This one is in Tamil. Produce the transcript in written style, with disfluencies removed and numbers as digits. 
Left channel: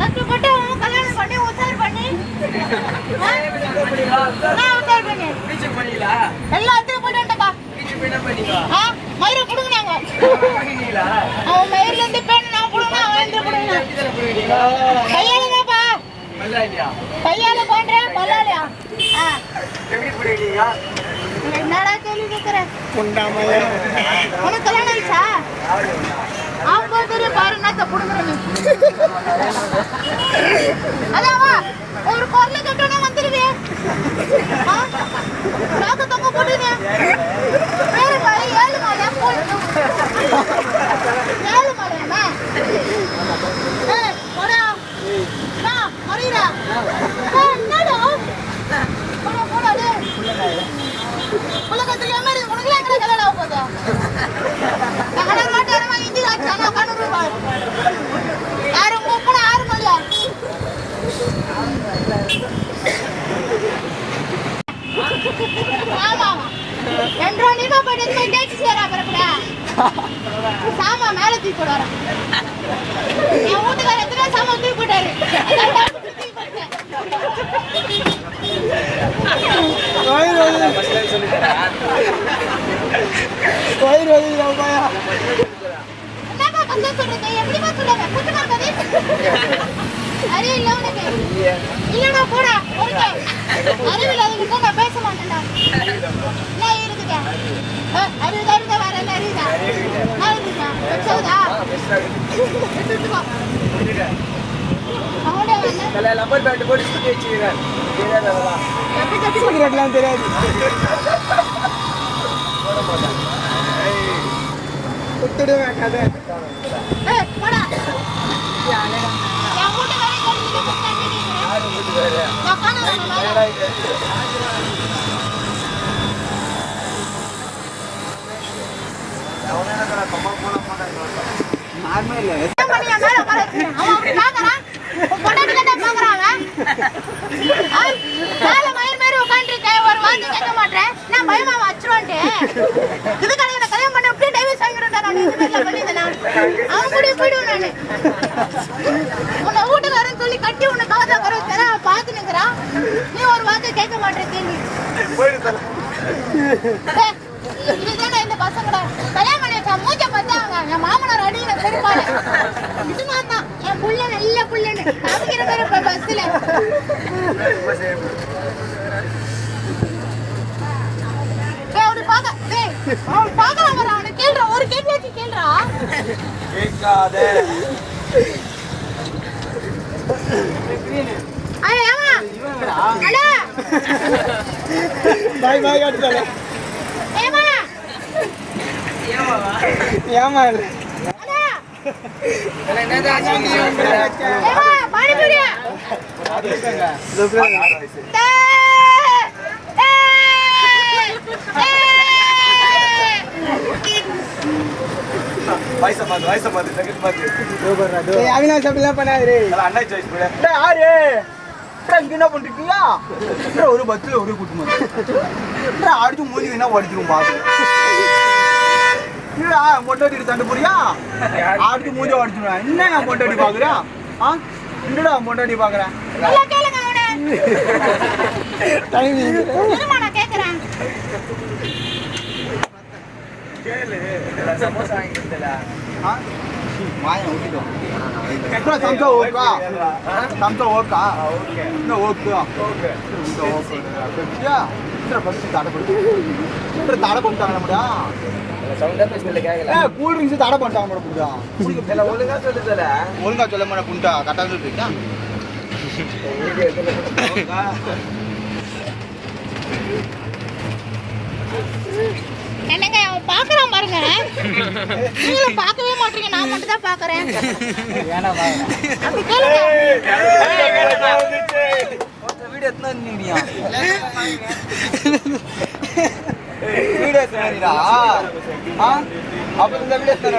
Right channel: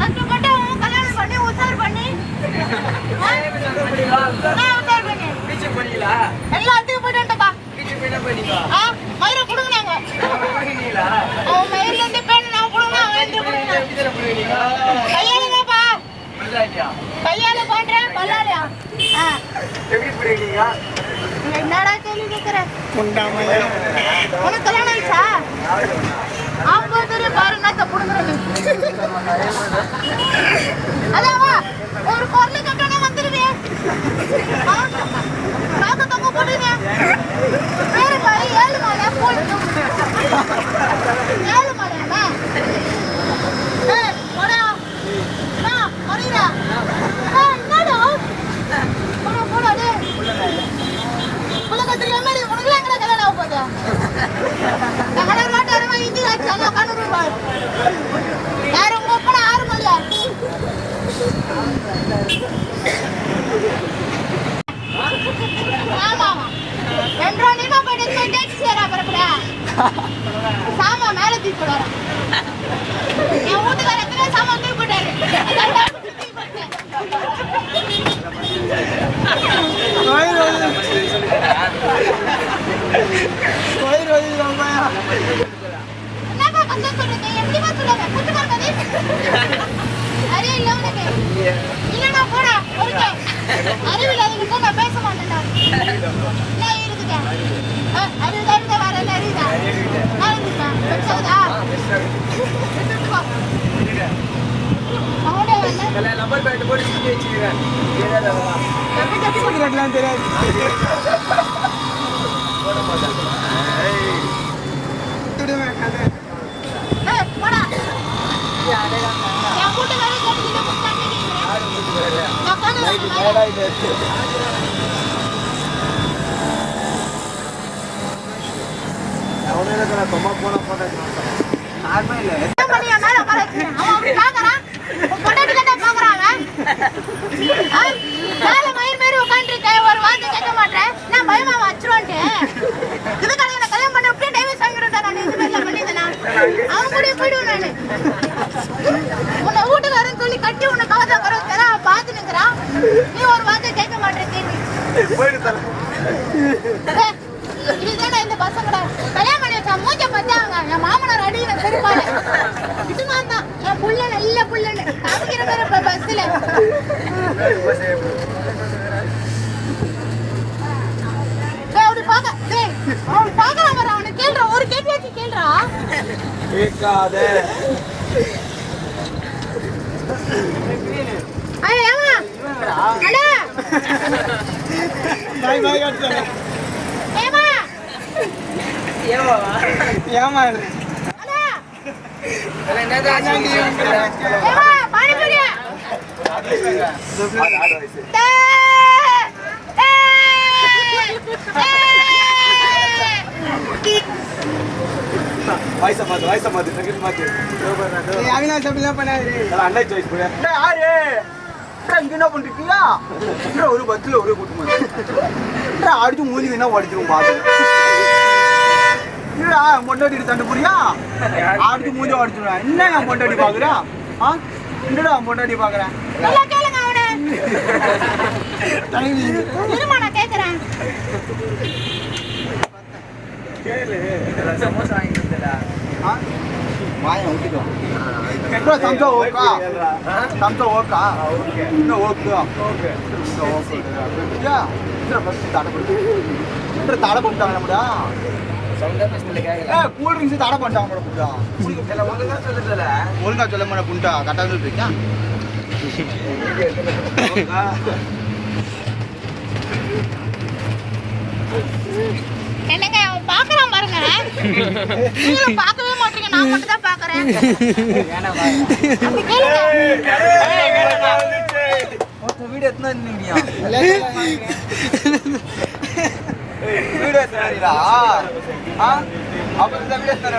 கஷ்டப்பட்டு அவன் கல்யாணம் பண்ணி உசார் பண்ணி எல்லாத்தையும் போயிட்டுப்பா. மயிரை புடுங்கினாங்க. அவன் மயிர்ல இருந்து பேன் நான் புடுங்கினா அவன் எந்த புடுங்கினா கையாலதாப்பா. கையால போடுறேன் பல்லாலியா. என்னடா கேள்வி கேட்கிறேன்? உனக்கு கல்யாணம் ஆயிடுச்சா? அவங்க பேரு பாரு என்னத்த புடுங்குற நீ. அதாவா ஒரு பொருள் கட்டணா வந்துருவேன். நாக்கு தொங்க போடுங்க. பேரு பாரு 7 மாலை போடு. 7 மாலையாமே. போடா. நான் மரிரா. என்னடா? போடா டேய். உலகத்துல என்னடி உனக்கு எங்கடா கல்யாணம் ஆக போகுது? எங்கடா மாட்டாரமா இந்தி ராஜானா கண்ணூருவா. யாரும் போற 6 மாலையா? ஆமா. என்றா நீமா போயிட்டு டேக்ஸ் ஏறா பரப்படா. சாமா மேல தூக்கி போடுறா. என் வீட்டுக்கார எத்தனை சாமா தூக்கி போட்டாரு. என்னப்பா கொஞ்சம் சொல்றீங்க? எப்படிமா சொல்லுங்க? குத்துமா கதை? அறிவு இல்ல உனக்கு? இல்லடா போடா ஒருக்க. அறிவு இல்லாதவங்க நான் பேச மாட்டேன்டா. என்ன இருக்குங்க? அறிவு தான் வர என்ன இருக்குதா? நான் இருக்குதா? வச்சதா? அவனே வந்து நம்பர் பேட் போட்டு சுத்தி வச்சிருக்கேன். தெரியாததெல்லாம். கட்டி கட்டி போடுறதுலாம் தெரியாது. போட மாட்டான். குத்திடுவேன் கதை. போடா. நான் கூட்ட வரை கட்டிட்டு போட்டானே நீ. யாரு கூட்டி வரே? நான் காணல. ஏடா இது? அவனே கர சும்மா போனா நார்மல் இல்ல. மணியா மேல உட்கார்ந்து அவன் பாக்குறான். பொண்டாட்டி கிட்ட பாக்குறாங்க. மேல மயிர் உட்கார்ந்துருக்க ஒரு வார்த்தை கேட்க மாட்டேன். நான் பயமா வச்சிருவேன்ட்டு. இதுக்காக என்ன கல்யாணம் பண்ண அப்படியே டைவர்ஸ் ஆகிடுறேன். நான் இது மாதிரி பண்ணியிருந்தேன். அவன் கூட போயிடுவேன் நானு. உன்னை வீட்டுக்காரன்னு சொல்லி கட்டி உன்னை காதா வர வைக்கிறா பார்த்து நிற்கிறான். நீ ஒரு வார்த்தை கேட்க மாட்டேன் கேள்வி. இதுதானே இந்த பசங்கடா கல்யாணம் பண்ணி வச்சா மூச்சை பார்த்தாங்க. என் மாமனார் அடிக்கிற பெருமாள் இது நான் தான். என் புள்ள நல்ல புள்ளன்னு காமிக்கிற மாதிரி பஸ்ல அப்படி பாக்கலாம். அவனை கேள்றா ஒரு கேள்வி வச்சு கேள்றா. ஒரு பஸ்ல ஒரு கூட்டம் அடிச்சு மூஞ்சி என்ன உடச்சிரும் பாத்து பொண்டாட்டி தண்டு புரியா அடிச்சு மூஞ்ச உடச்சிருவேன். என்ன நான் பொண்டாட்டி பாக்குறா? என்னடா பொண்டாட்டி பாக்குறான்? மாயம் ஊத்திடும். சம்சா ஓக்கா சம்சா ஓக்கா இந்த ஓக்கு இந்த ஓக்கு பஸ் தடை பண்ணி தடை பண்ணிட்டாங்க நம்மடா. கூல் ட்ரிங்க்ஸ் தடை பண்ணிட்டாங்க ஒழுங்கா சொல்ல மாட்டேன் புண்டா கரெக்டாக சொல்லிருக்கா. என்னங்க அவன் பாக்குறான் பாருங்க. நீங்களும் பார்க்கவே மாட்டீங்க. நான் மட்டும் தான் பாக்குறேன். அப்படி கேளுங்க. வீடு எத்தனை வீடு எத்தனை அப்ப இந்த வீடு எத்தனை